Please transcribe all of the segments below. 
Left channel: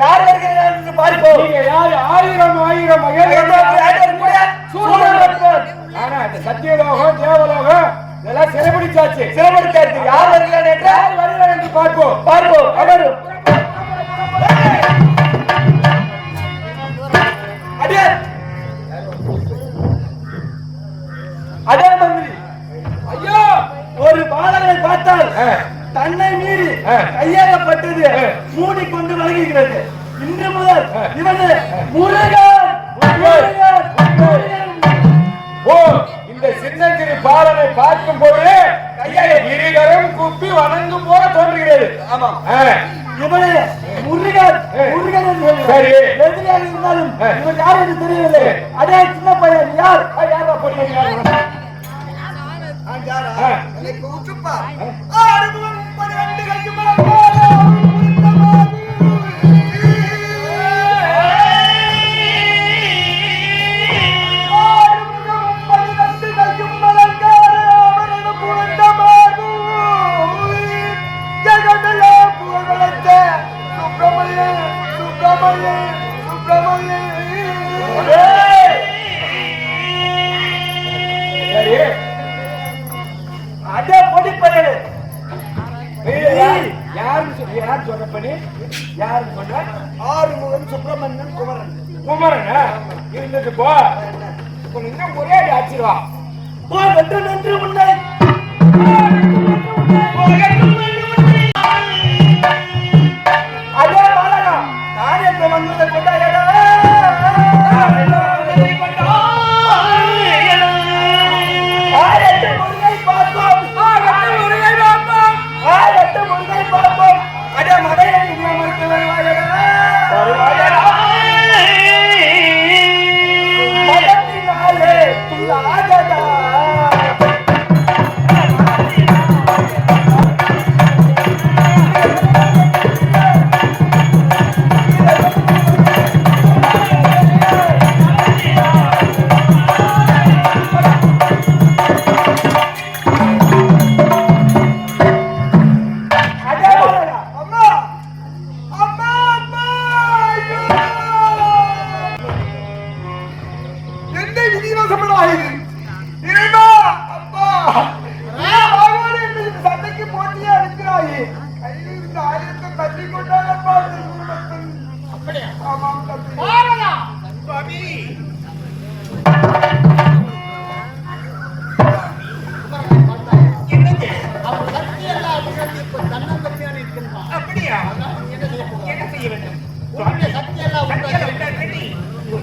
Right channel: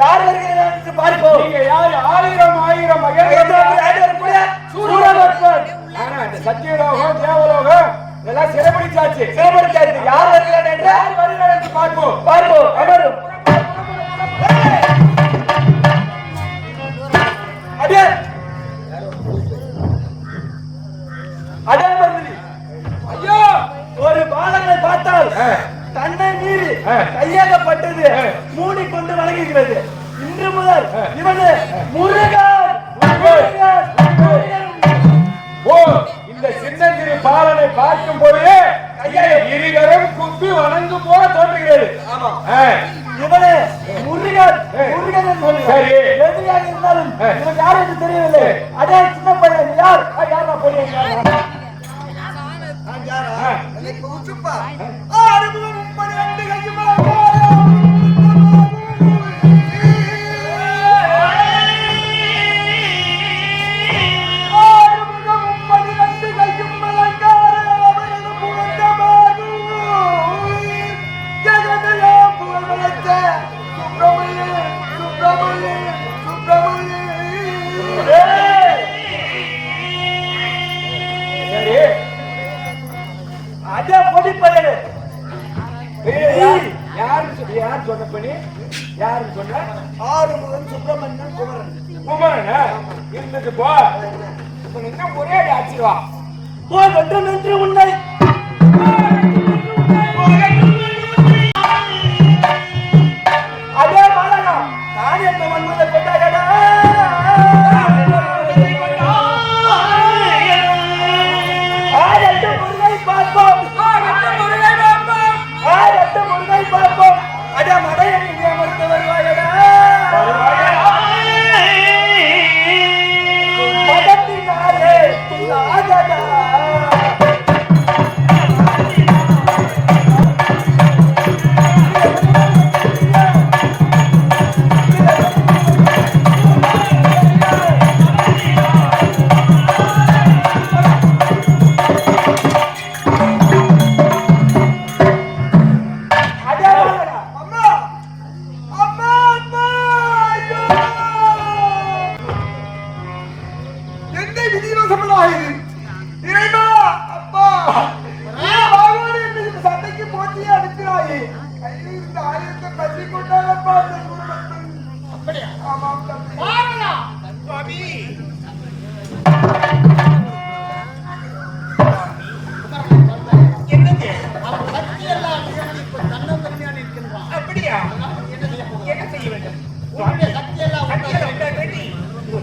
யார் வருகிறார் என்று பார்ப்போம். நீங்க யார்? ஆயிரம் ஆனா இந்த சத்தியலோகம் தேவலோகம் இதெல்லாம் சிறைபிடிச்சாச்சு. யார் வருகிறார் என்று பார்ப்போம். அவரும் அதே மந்திரி ஐயோ, ஒரு பாலகனை பார்த்தால் தன்னை மீறி கையாகப்பட்டது மூடிக்கொண்டு வழங்குகிறது. இன்று முதல் இவனு முருகன். ஓ, இந்த சின்னஞ்சிறு பாலனை பார்க்கும் பொழுது இருகரம் குப்பி வணங்கும் போல தோன்றுகிறது. ஆமா, இவனே முருகன் முருகன் என்று சொல்லி சரி, எதிரியாக இருந்தாலும் இவன் யார் என்று தெரியவில்லை. அதே சின்ன பையன் யார் யாரா போறீங்க? எனக்கு உச்சுப்பார். ஆறுமுகம் 12 கையும் யார் சொன்ன பண்ணி? யாரு சொன்ன? ஆறுமுகன் சுப்பிரமணியன் குமரன். குமரனா இருந்துட்டு போ. இன்னும் ஒரே ஆச்சுவா போ. நன்று நன்று உன்னை அதே பாலகா நான் என்ற மன்மதை கொண்டாயடா. அட மடையை மறுத்து வருவாயடா. மடத்தினாலே துள்ளாதடா.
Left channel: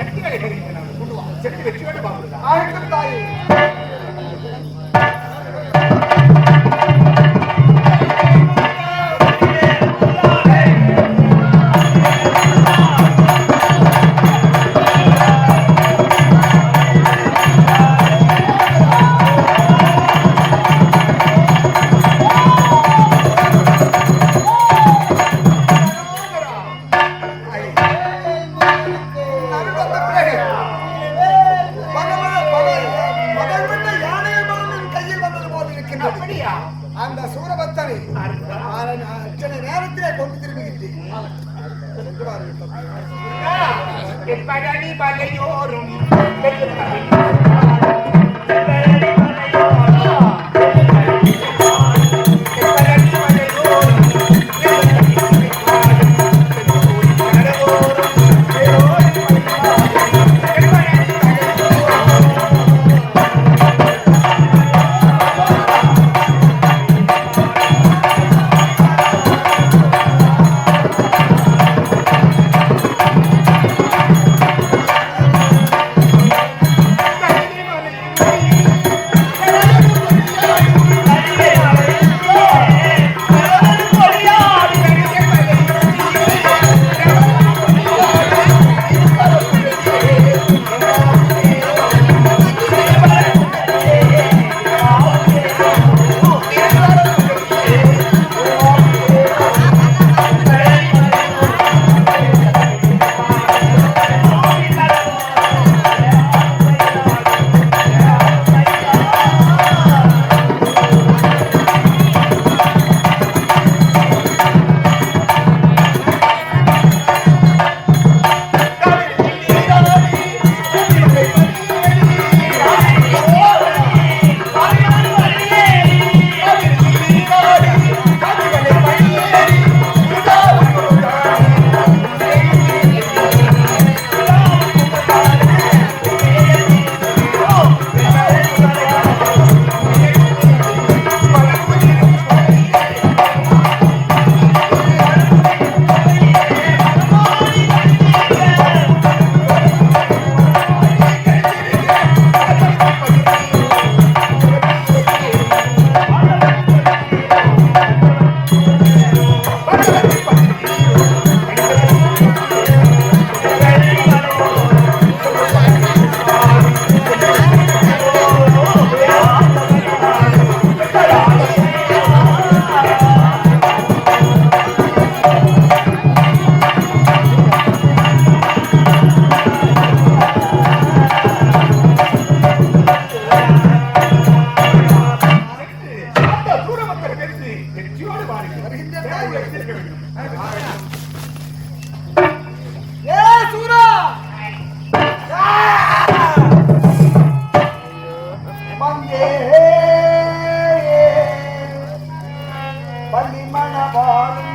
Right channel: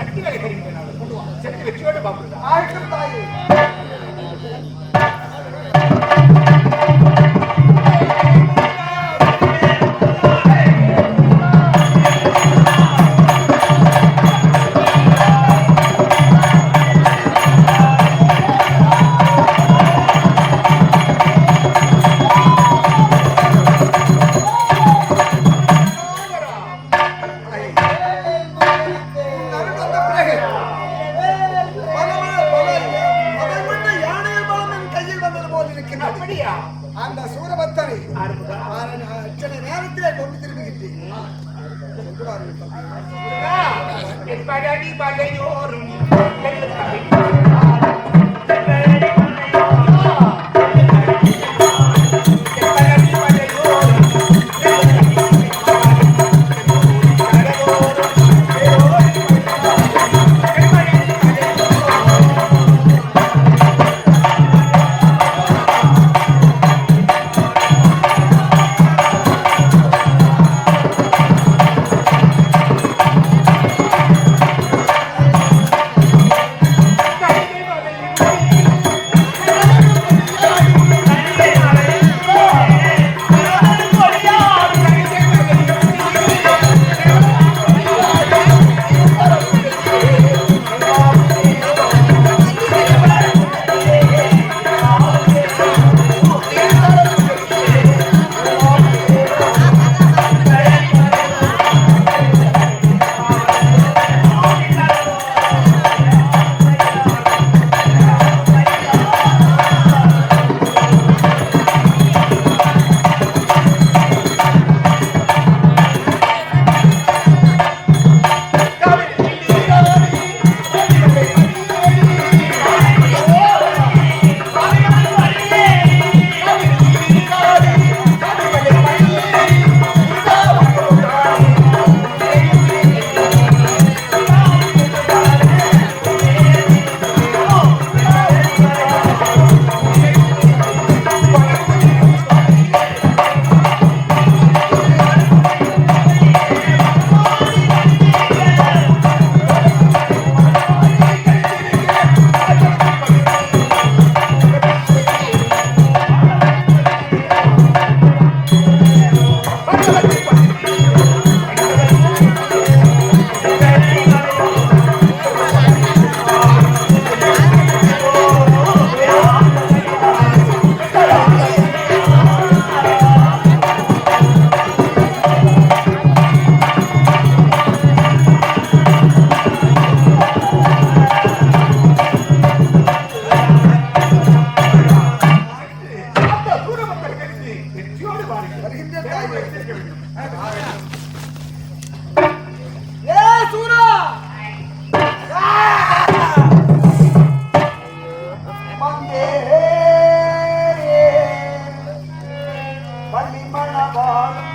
சக்தி வேலை கொண்டு வா. சக்தி வெற்றியோடு பாப்படுதா? அந்த சூரபத்தனை அச்சனை நேரத்திலே கொண்டு திரும்புகின்றேன். ஏ சூரா வந்தே பள்ளி மணவாளன்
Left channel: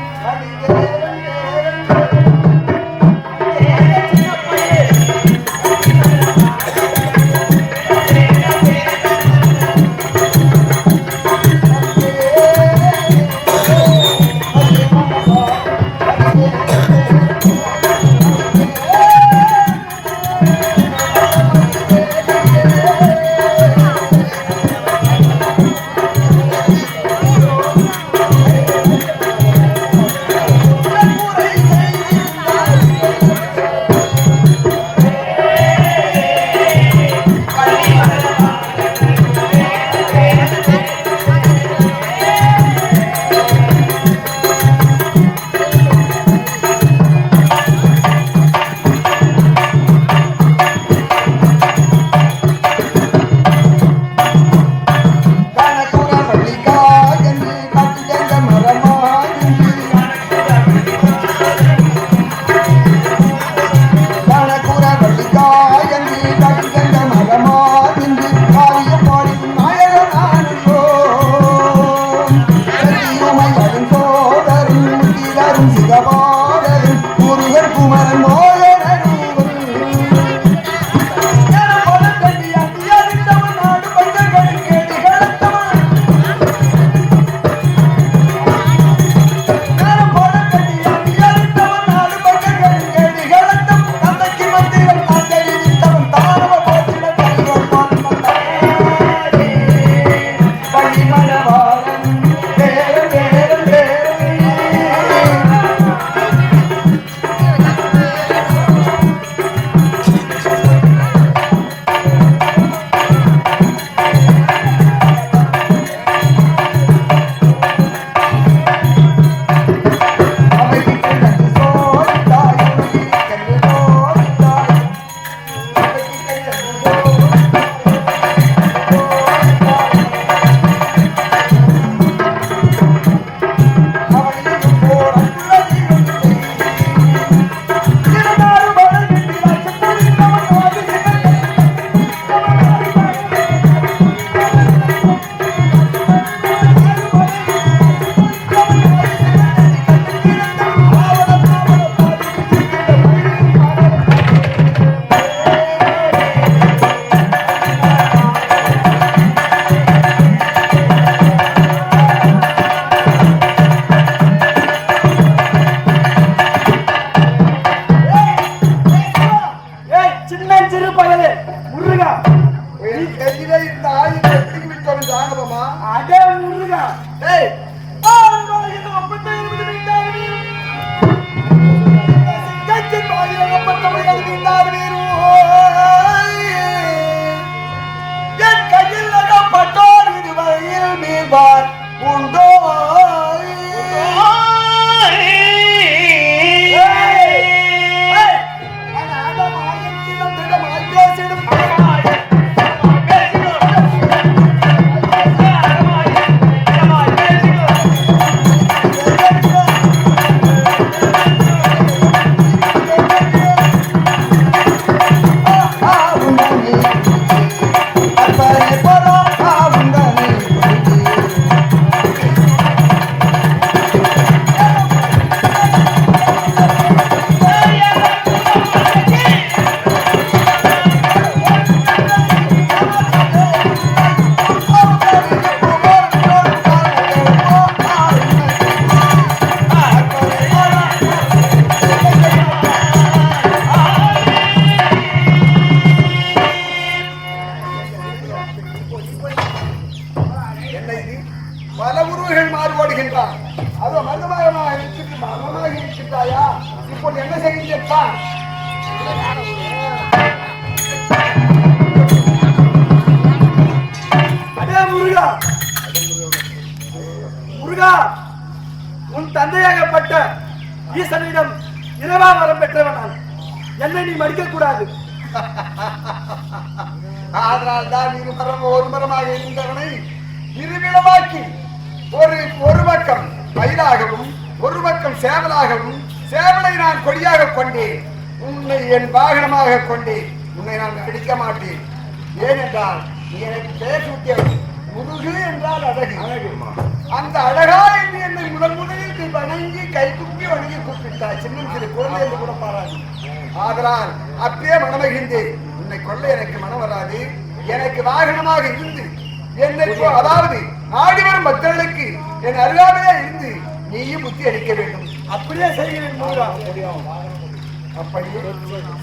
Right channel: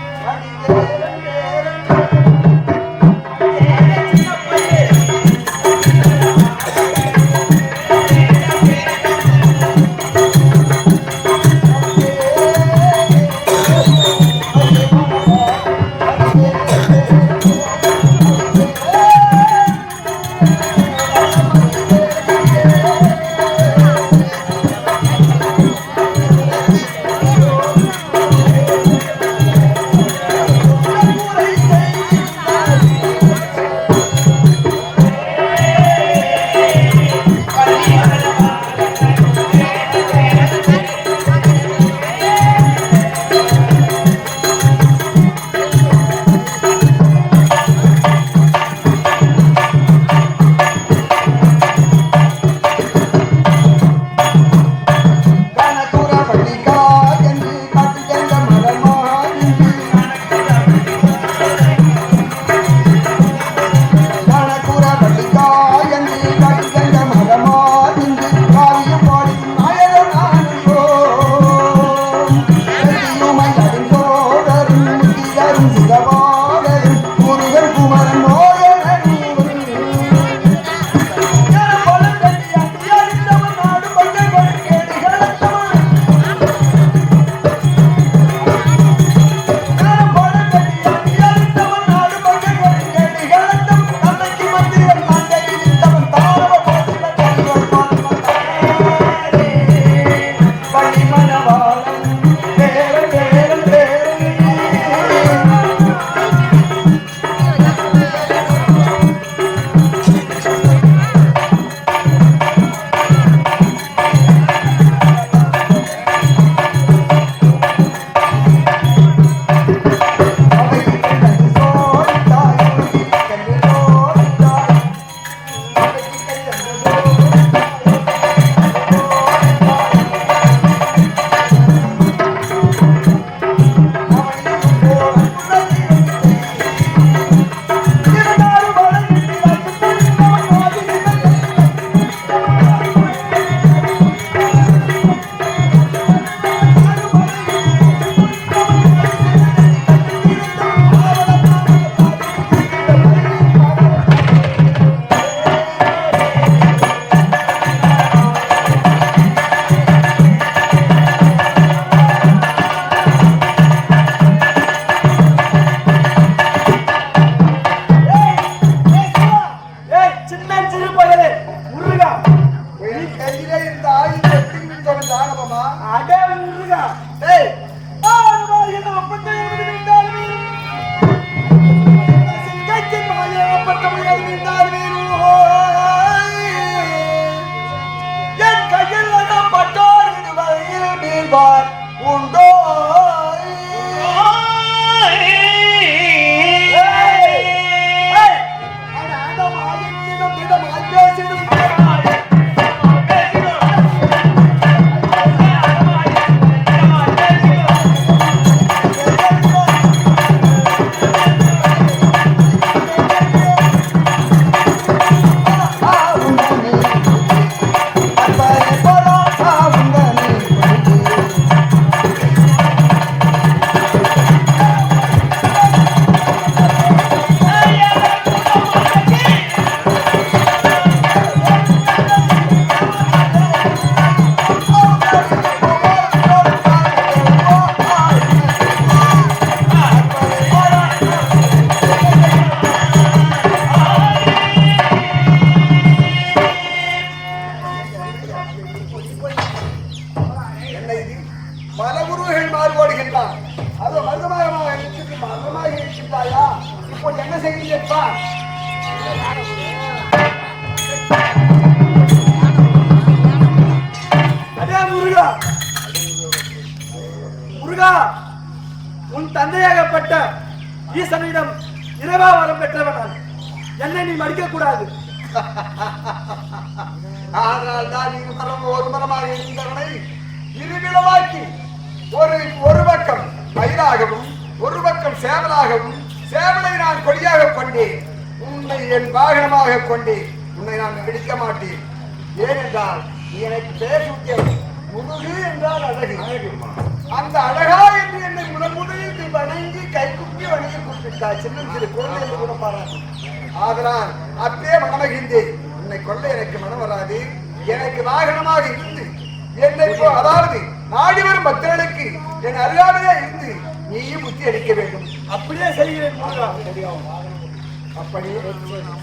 முருகா, உன் தந்தையாகப்பட்ட ஈசனிடம் இரவா வரம் பெற்றவன் நான். என்னை நீ மடிக்க கூடாது. ஆனால் தான் இருமரம் ஒரு மரமாக இருந்தவனை இருவிடமாக்கி ஒரு பக்கம் மயிலாகவும் ஒரு பக்கம் சேவலாகவும் சேவலை நான் கொடியாக கொண்டேன், உன்னை என் வாகனமாக கொண்டேன். உன்னை நான் அடிக்க மாட்டேன். ஏனென்றால் நீ எனக்கு பெயர் சூட்டியவன். முருகு என்றால் அழகு. அந்த அழகா என்று என்னை முதலில் நீ வணங்கி கை குப்பி வணங்கி கூப்பிட்டாய். சின்ன சிறு குழந்தை என்று கூட பாராது. ஆதலால் அப்படியே மனமகிழ்ந்தேன். உன்னை கொள்ள எனக்கு மனம் வராது. எனக்கு வாகனமாக இருந்து என்னை அதாவது ஆடி வரும் பக்தர்களுக்கு என் அருகாமையா இருந்து நீயும் புத்தி அளிக்க வேண்டும். அப்படியே செய்கிறேன் முருகா. அப்படி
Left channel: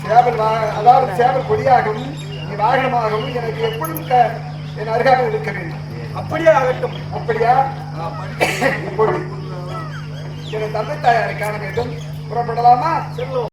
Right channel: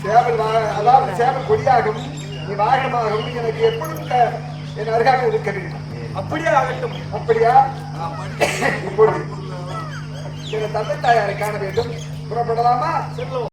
சேவல் அதாவது சேவல் கொடியாகவும் நீ வாகனமாகவும் எனக்கு எப்பொழுதும் என் அருகாமையில் இருக்க வேண்டும். அப்படியே ஆகட்டும். அப்படியா? இப்பொழுது என் தந்தை தாயாரை காண வேண்டும். புறப்படலாமா? செல்லும்.